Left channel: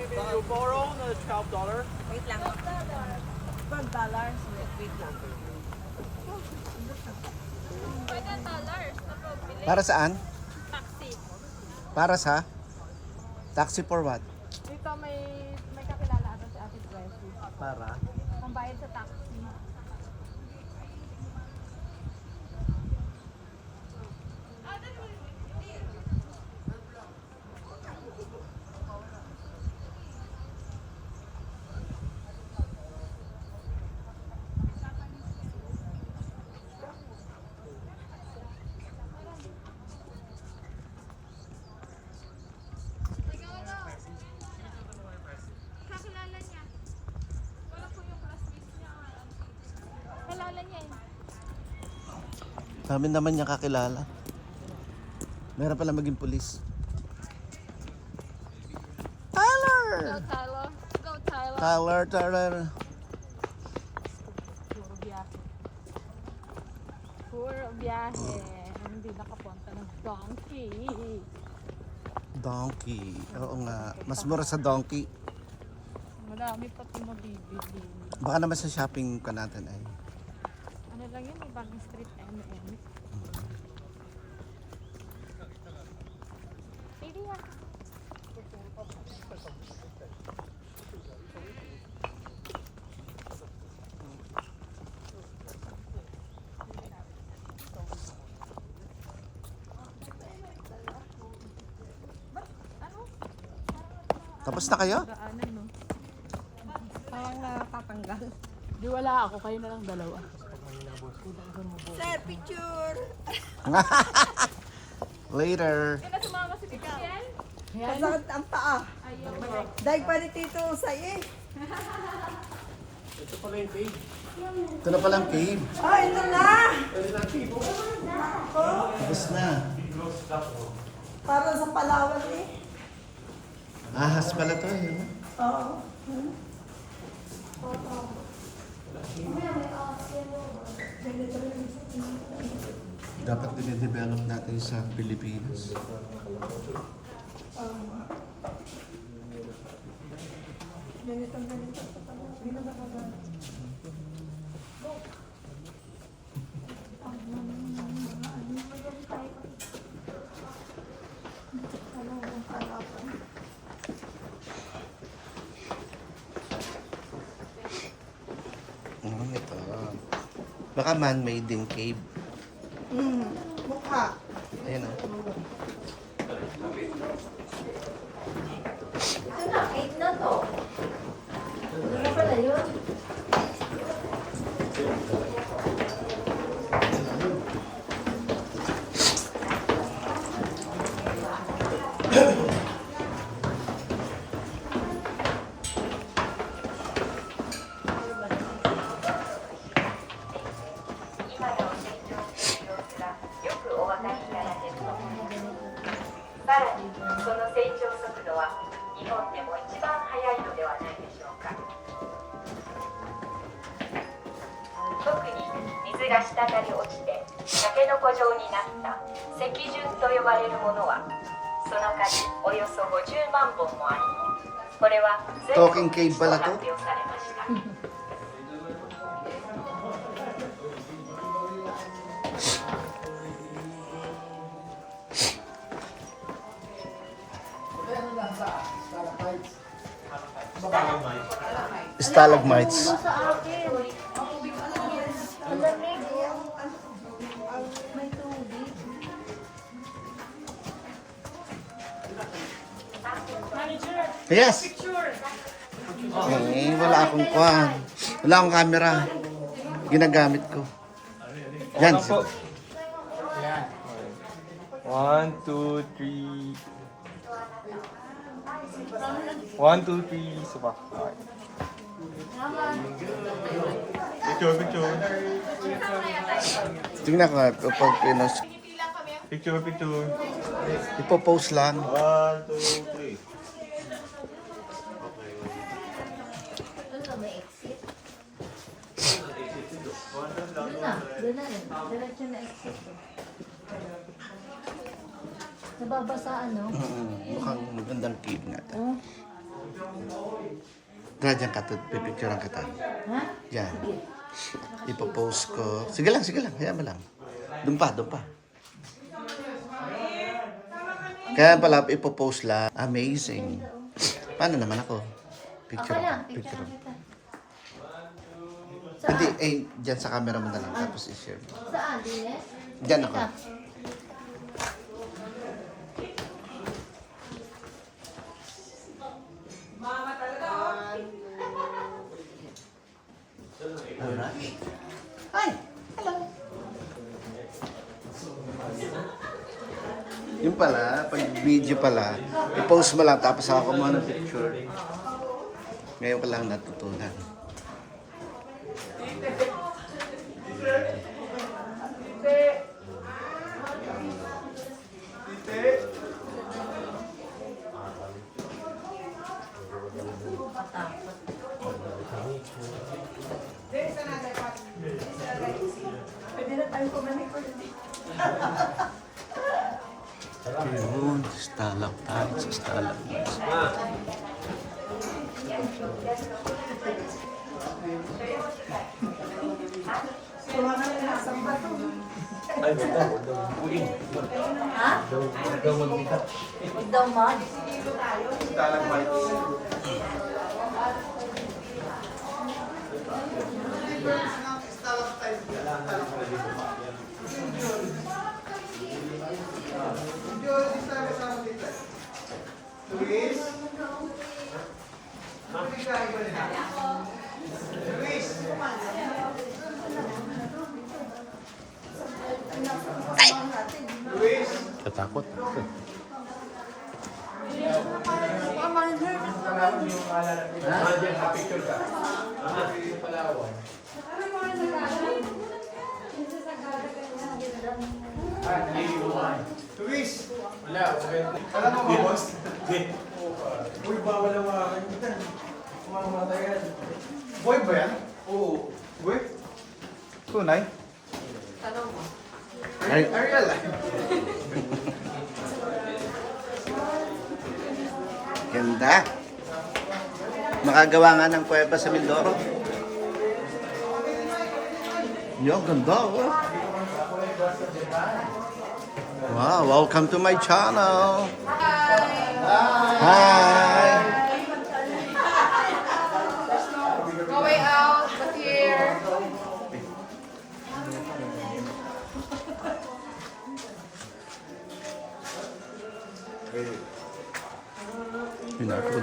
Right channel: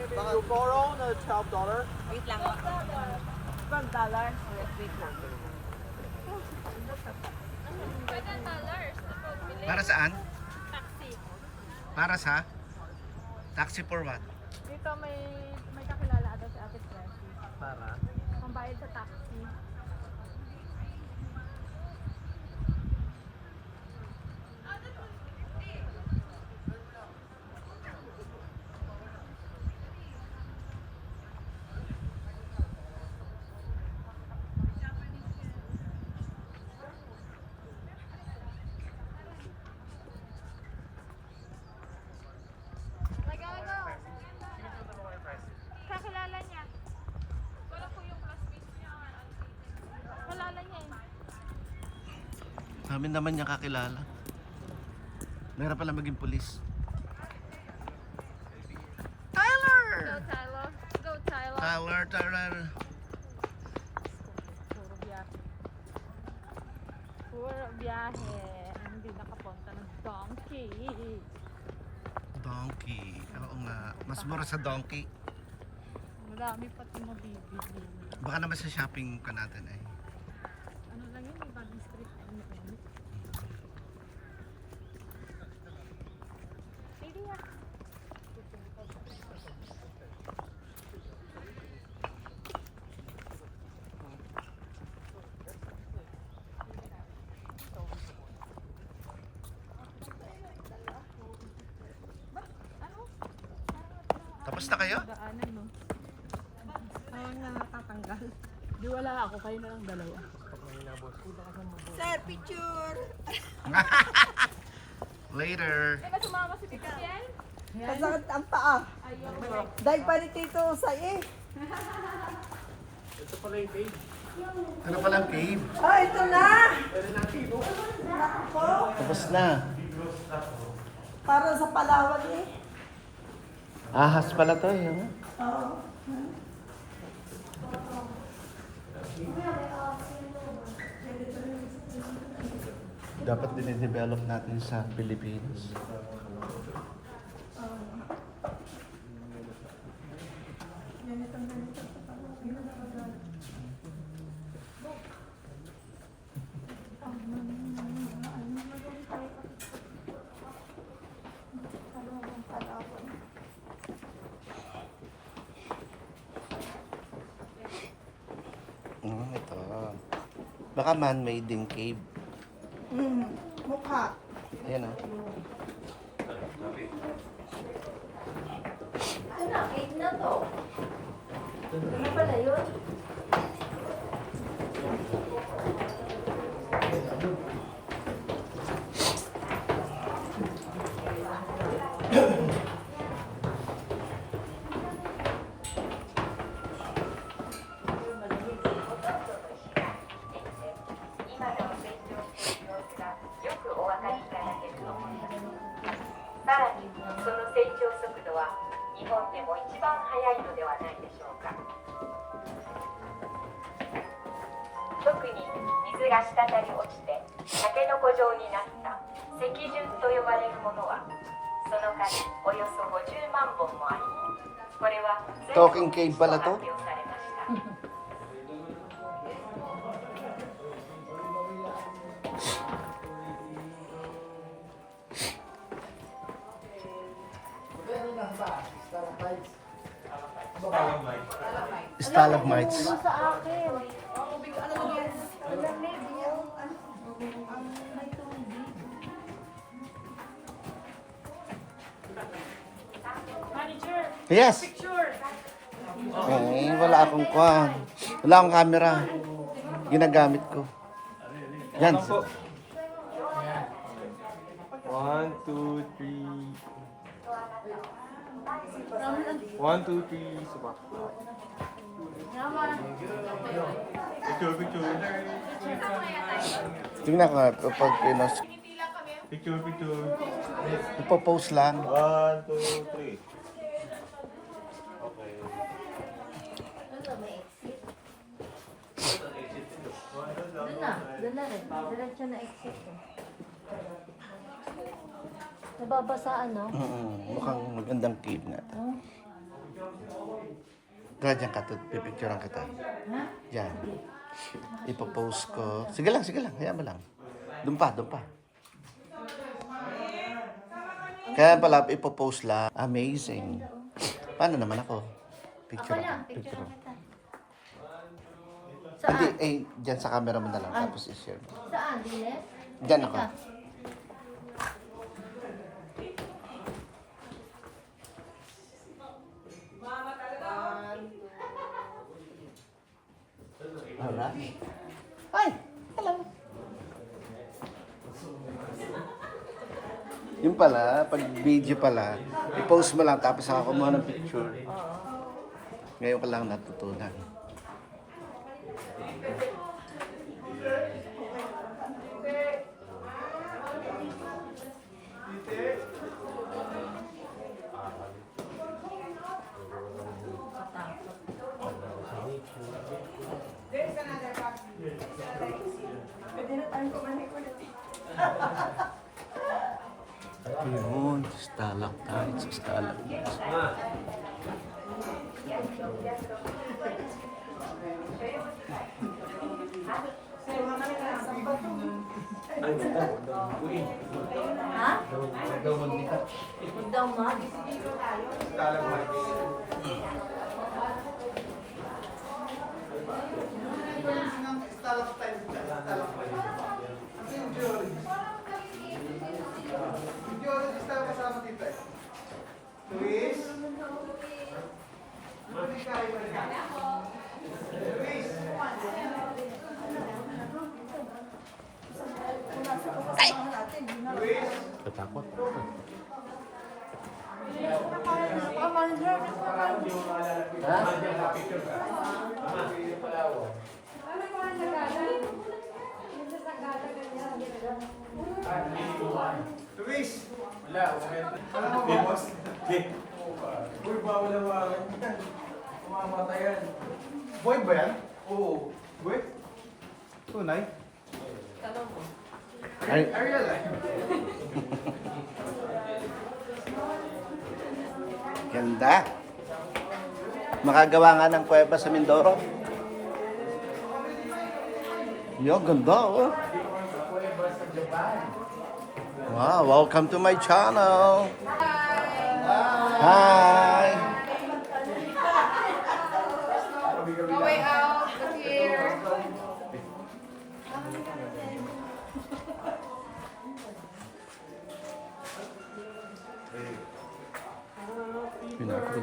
maybe you borrow the $12. Wait lang. $12. So, wait lang. Pwede dollars na pagbili. Para saan? Taxi. Para sa? Taxi for what? Dito may kakilala ata si Ate Jessie. Para? Ang bayad sa taxi. Kakilala niya. Wala po yung classmates niya. Kilala niya eh. Sabi naman niya kakilala. Meron pala maging pulis. Tyler! Go Tyler. Go Tyler. Tyler. Puro biyahe. Hindi nakapunta ng donkey. Donkey. Oo nga. Mas mura sa donkey. Marami pati mabibili. Baka naman sa shopping ka natin ay. Ano lang yun? May bagong street M&M. Pili ah. Ano? Tapos na kayo? Daanan no? Walang natatanggal. Di wala ako. Kayo na lang dalawa. Sir, picture! Later. Kaya sumama si Tito Piel? Kasakit ang paa. Ayaw. Dahil pa ni Tito sa Ito pala yung page. Ito na palang cave. Ah, ito na! Tapos na. Para sa Palawan eh. Ahas pala to. Yun. Oo. Dapat dinidevelop natin sa Pilipinas. Ganito. Ito. Baka man-made din cave. Mukha. Ayan o. Ito na, cake na to. Ano na pala yun? Talking cave pala to. Stalagmites. Sa akin. Malamig. May tubig. Yes. Eh, wala akong kwan. Wala akong camera. Ginagamit ko. Yan. 1, 2, 3. 1, 2, 3. Subak. Picture. Tingnan ko nga pag pinos. Picture. Ipopost lang. 1, 2, 3. Ano ba, may exit? Doon na rin. Diretso na exit. Nababasa ano? Mukhang magandang cave nga. Dyan ka, pipicturean kita. Ha? Diyan. Ipopost ko. Sige lang, hayaan mo lang. Doon pa. Kaya pala, ipopost lang. Amazing. Paano naman ako? Picture Ako lang, ako. picture Picture. kita. Hindi, Saan? dyan sa camera mo na lang. Tapos i-share mo. Saan, Dines? Dyan ako. Alright. Hi! Hello! Yung pala, pag video pala, i-post mo lang tapos ako kumuha ng picture. Ngayon ko lang natutunan. Yun, stalactites, stalagmites. Ha? Daw mag. Katakot. Luis! Wala, alam mo ba, boss? Uy, bawal ang wakan yan. Mamamatay yan. Boy ba yan? Oo. Boy? Tunay? Tanong mo. Ay, Are you alive? ganda. Makagawa nga ng kuweba sa Mindoro. Yo, ganda oh. Wow, welcome to my channel. Hi. Going out, but here. Yun ako.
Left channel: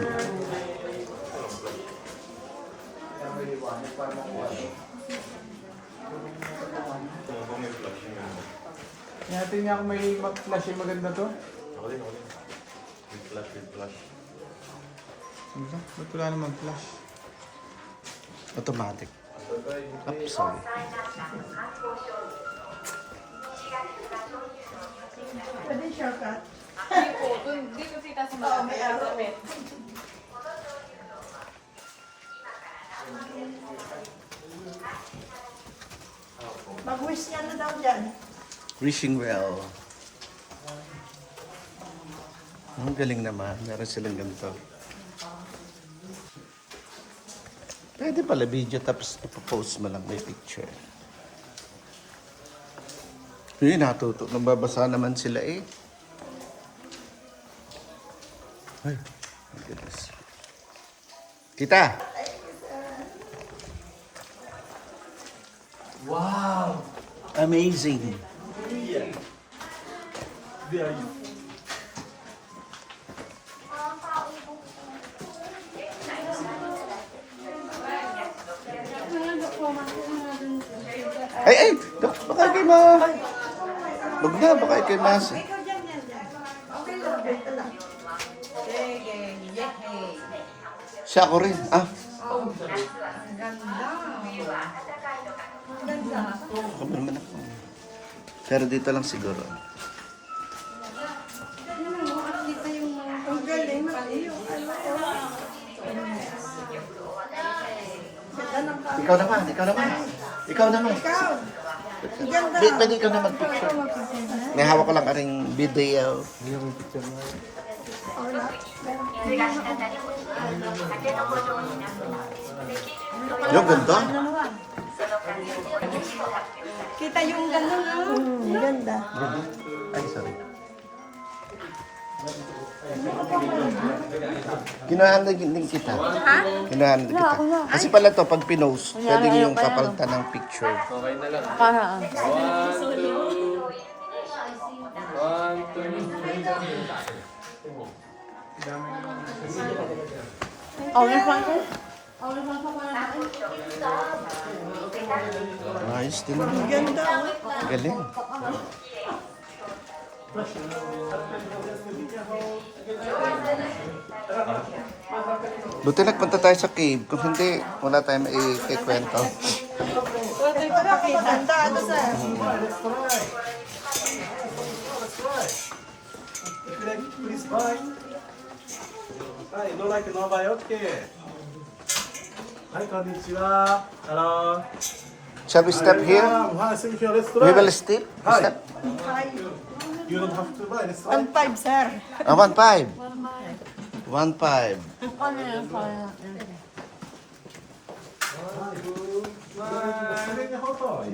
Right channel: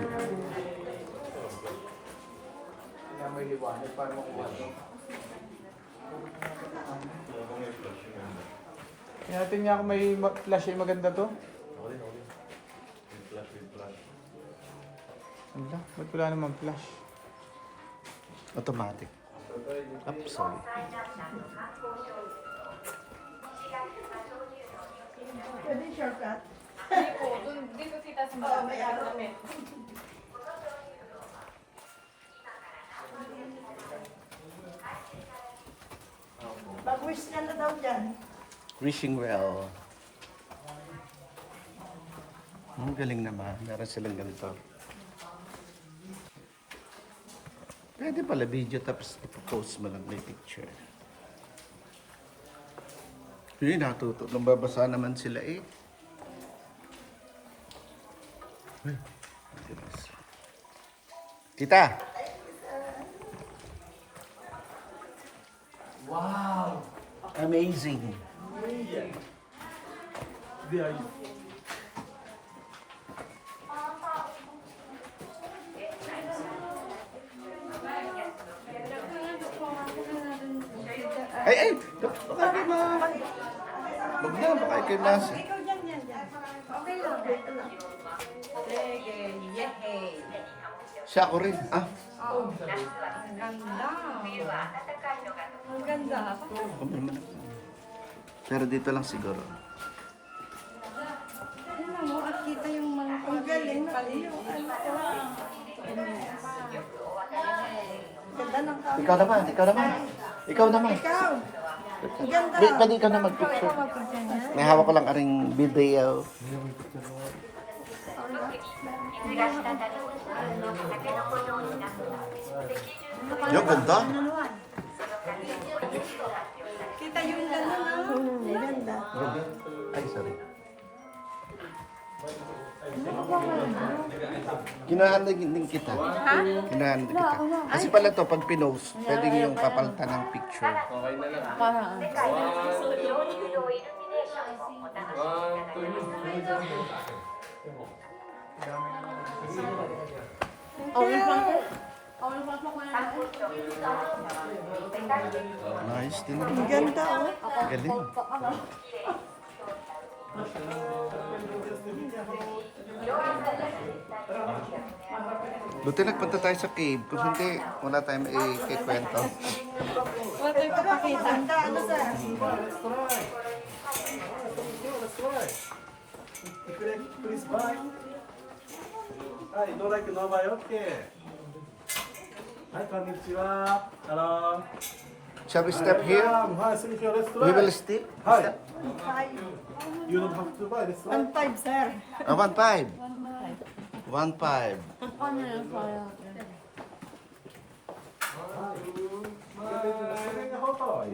Natin niya kung may flash yung maganda to. Ano ba? Ba't wala naman flash? Automatic. Sorry. Pwede shortcut? Hindi po, dito sita sa mga may araw. Mag-wish ka na daw dyan. Wishing well. Ang galing naman. Meron silang ganito. Pwede pala video tapos ipopost mo lang may picture. Yun, natuto. Nababasa naman sila eh. Ay, my goodness. Tita! Wow! Amazing! Ay! Baka kayo Wag na, baka kayo nasa. Ikaw dyan. Okay lang, dito lang. Sige, yehey. Siya ako rin. Ah, Ang ganda. Ang ganda. ako naman ako. Pero dito lang siguro. Ang galing na iyo. Ikaw naman. Ikaw. Pwede ikaw na mag-picture. May hawak ko lang aring video. Yung ganda. Kita yung gano'n, ang ganda. Ay, sorry. Kinahanap din kita. Kinahanap kita. Kasi pala to, pag pinost, pwede yung papalitan ng picture. Nice din naman. Galing. Buti nagpunta tayo sa cave. Kung hindi, wala tayong maikikwento. Wala tayo papakita. Ano sa... Please, bye. Hi, no like no bye, okay. Hi, konnichiwa. Hello. Shall we step here? Hi, see you We will step? Step? You don't have to buy this one. 1.5, sir. 1.5. 1.5.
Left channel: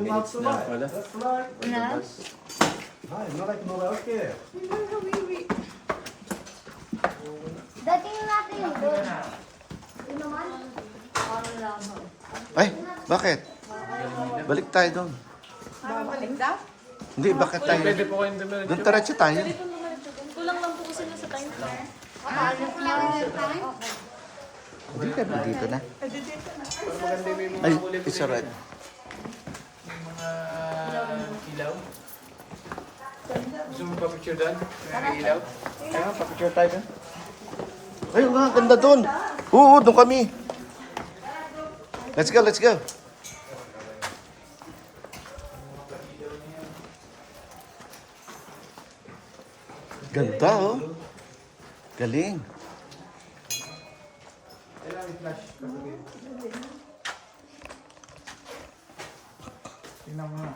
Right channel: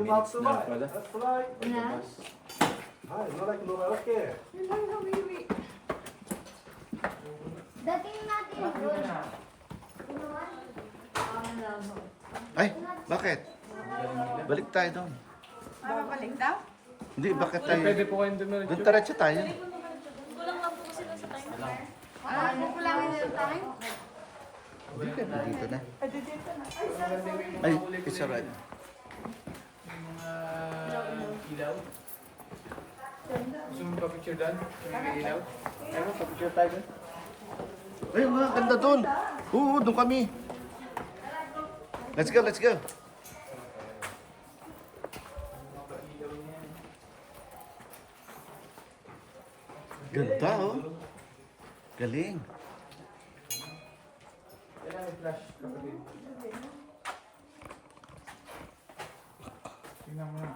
Minutes na pala. That's right. Hi, no like no bye, okay. Dating natin doon. Inuman? Ay, bakit? Balik tayo doon. Babalik daw? Hindi, bakit tayo? Doon taratsi tayo. Kulang lang po kasi nasa time. Kulang yung time? Hindi ka dito na. Ay, it's alright. Ilaw? Gusto mo pa-picture doon? May ilaw? Ayun, pa-picture tayo doon. Ayun nga, ganda doon. Oo, doon kami. Let's go, let's go. Ganda, oh. Galing. Kailangan i-flash. Tingnan mo na.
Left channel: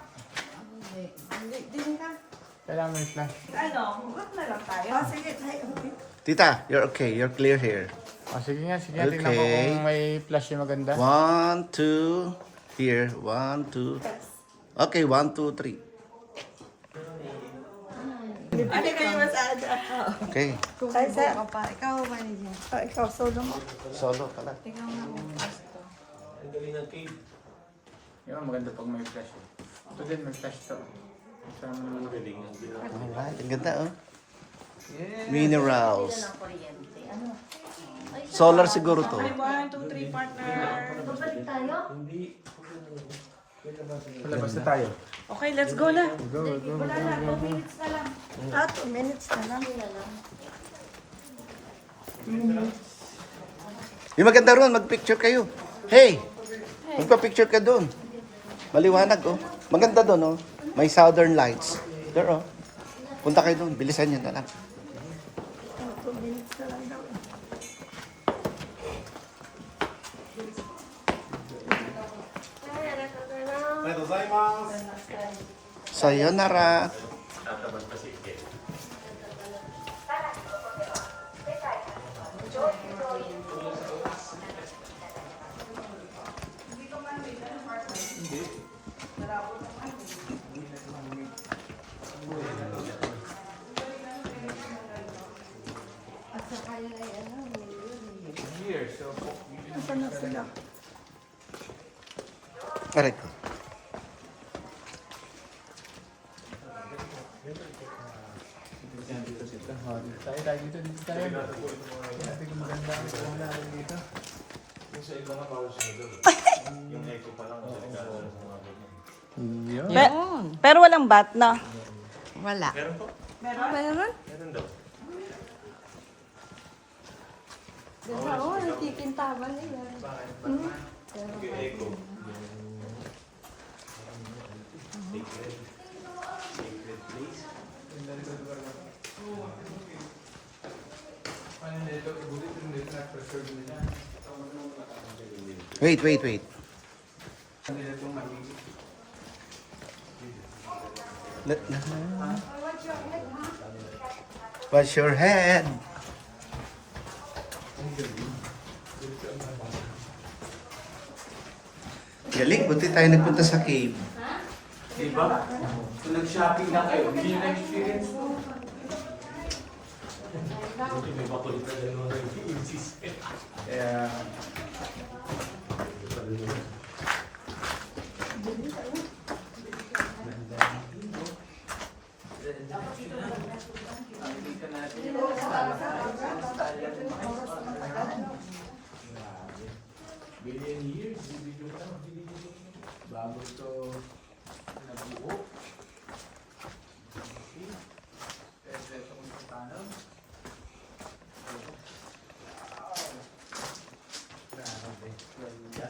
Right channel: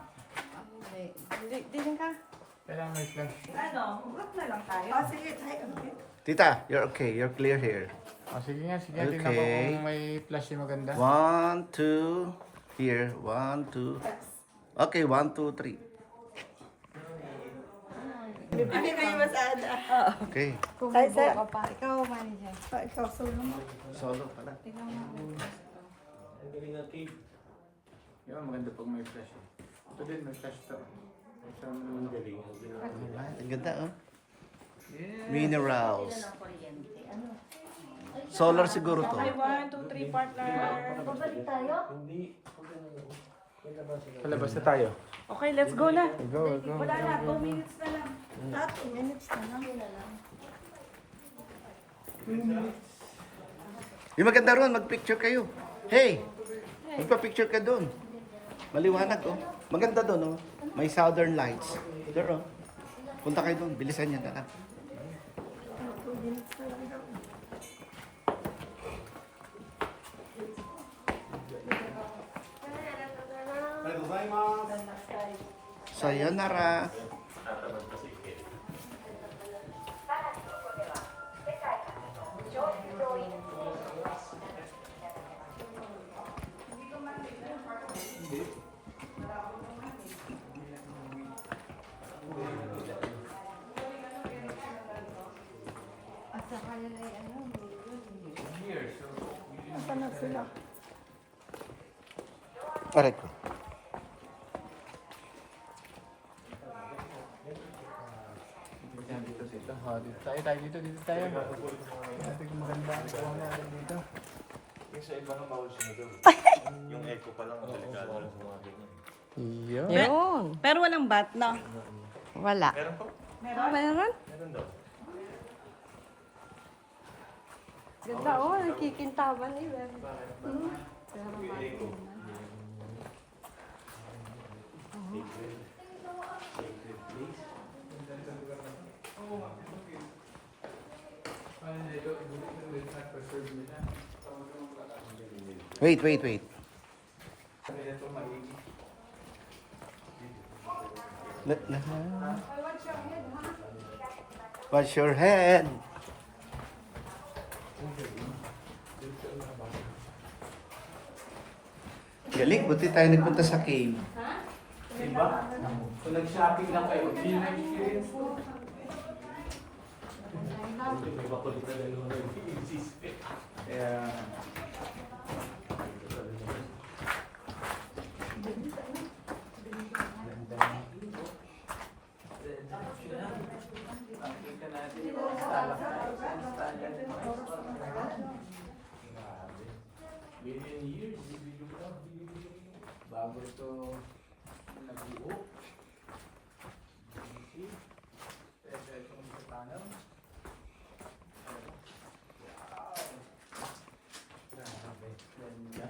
Kailangan mo i-flash. Ano? Huwag na lang tayo. Ah, sige, tayo. Tita, you're okay. You're clear here. Sige nga. Okay. Tingnan mo kung may flash yung maganda. 1, 2. Here. 1, 2. Okay, 1, 2, 3. Hindi kayo masada. Okay. Ay, sir. Ikaw, manager. Oh, ikaw, solo mo. Solo pala. Yung maganda pag may flash. Ito din, may flash to. Kasama naman galing. Alright, ang ganda, oh. Minerals. Solar siguro to. 1, 2, 3, partner. Babalik tayo? Labas na tayo. Okay, let's go na. Wala na, 2 minutes na lang. 2 minutes na lang. Yung maganda ron, magpicture kayo. Hey! Magpa-picture ka doon. Maliwanag, oh. Maganda doon, oh. May southern lights. There, oh. Punta kayo doon. Bilisan nyo na lang. 2 minutes na lang daw. Sayonara. Nasaan na sila? Aray ko. Tayo dito, dito tayo. Natin kung maganda ang kauna dito. Pero walang bat na. Wala. Meron? Meron? Ganda, oh, nakikintaman nila. Wait, wait, wait. Wash your head. Galing, buti tayo nagpunta sa cave. Diba? Kung nag-shopping na kayo, hindi nyo na-experience mo. Kaya... Nakikita natin ito. Billion years, bago ito nabuo. Okay. Pero ito kung paano. Wow! Grabe. Ganda.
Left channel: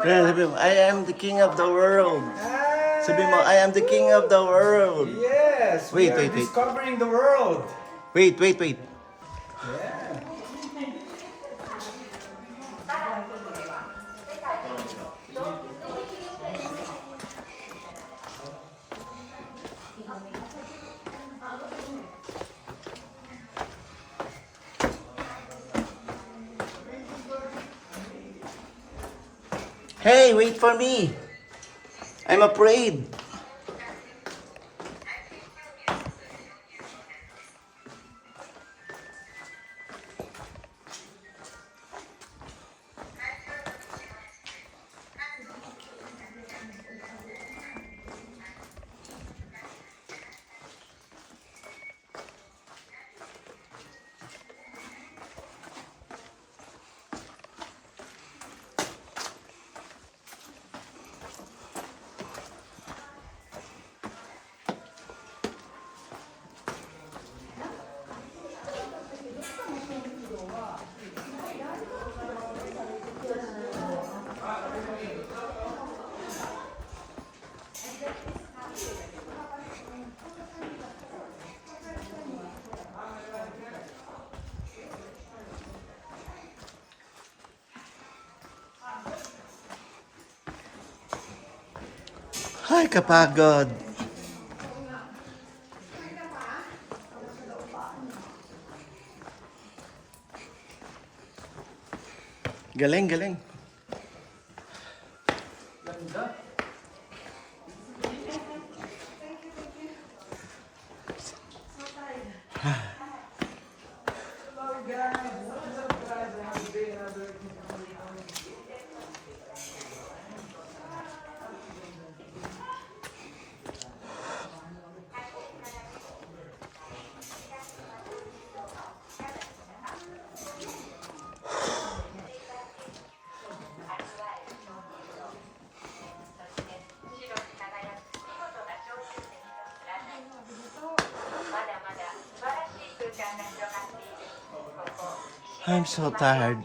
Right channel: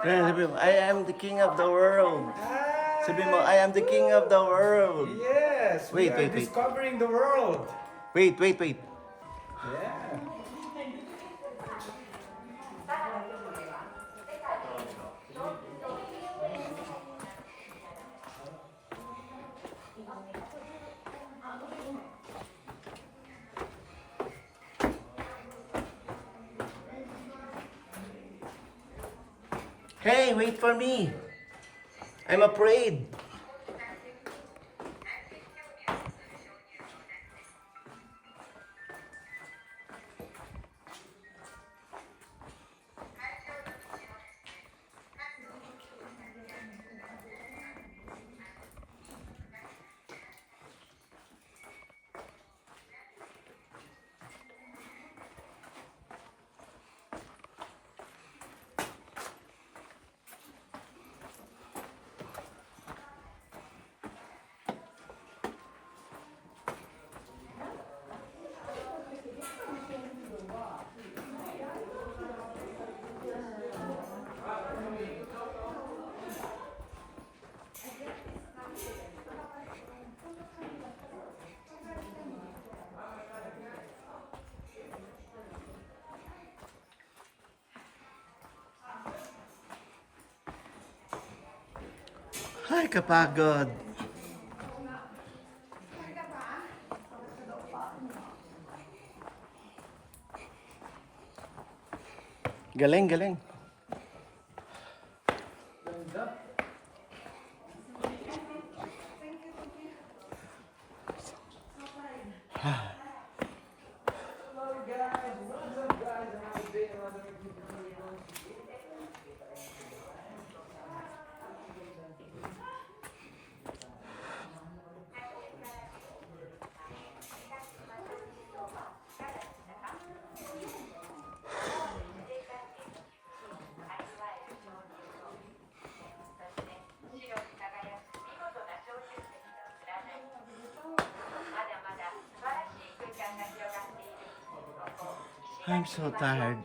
Sabi mo, I am the king of the world. Sabi mo, I am the king of the world. Yes! Wait, we are wait, wait. discovering the world! Wait. Yeah. Hey, wait for me. I'm afraid. Ay, kapagod. Galing. I'm so tired.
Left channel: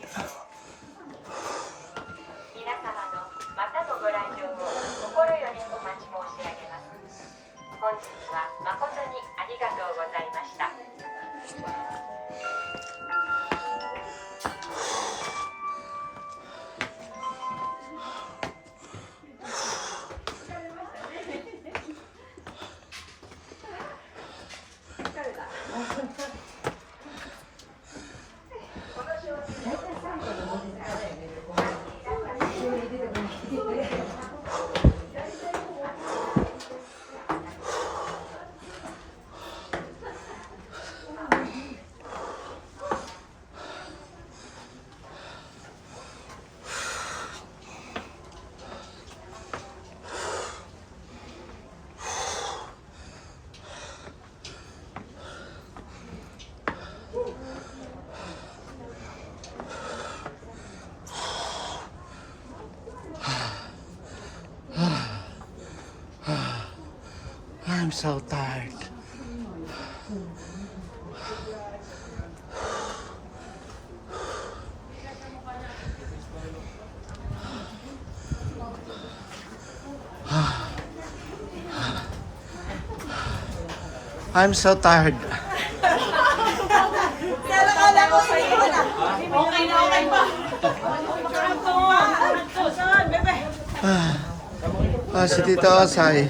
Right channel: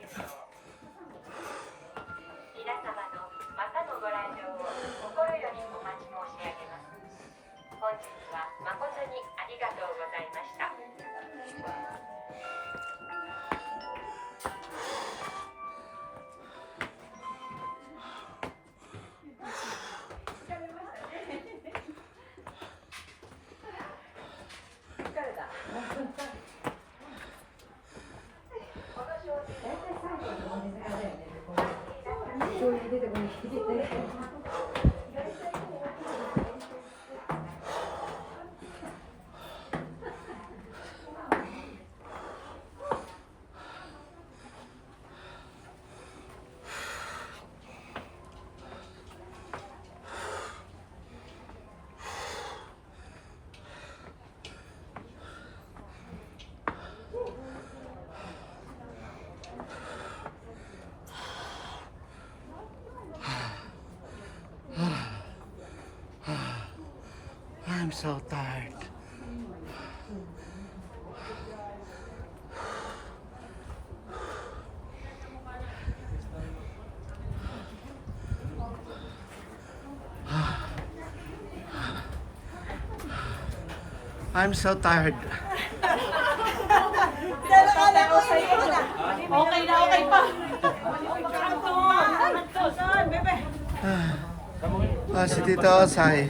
皆様のまたのご来場を心よりお待ち申し上げます。本日は誠にありがとうございました。so tired. I'm so tired. Pero kala ko hindi ko na. Okay na, okay pa. Saan, bebe? Si Tito Osay.